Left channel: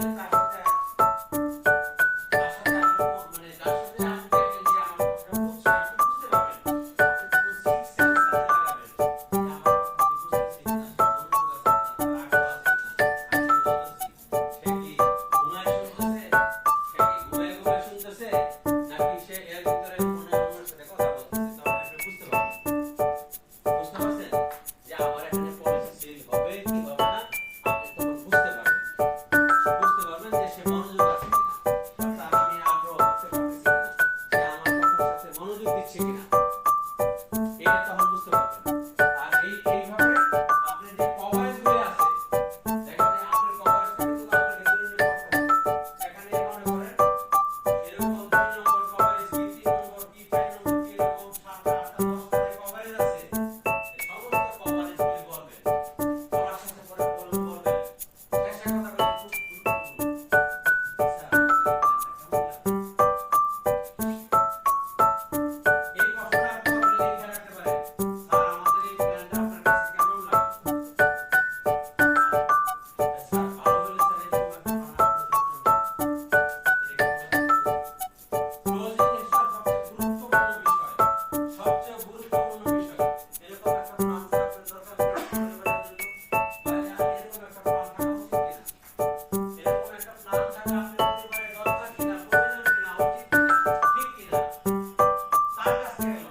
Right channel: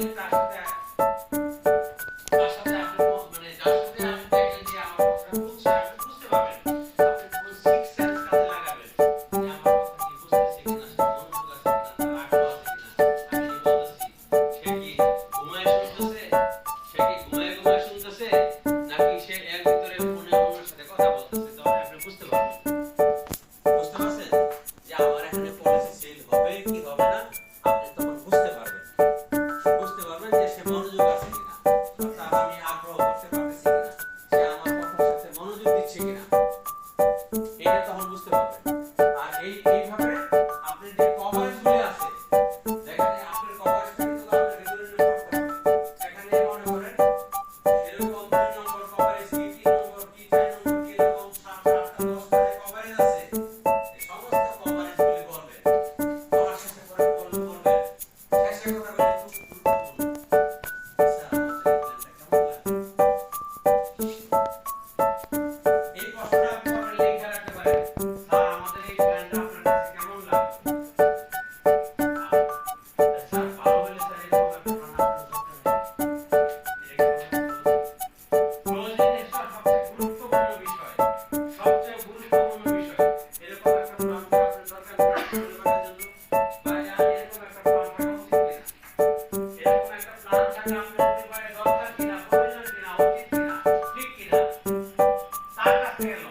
Bye. হচ্ছে কিনা এই ব্যাপারটা বুঝতে পারবেন আর এই এই bathroom.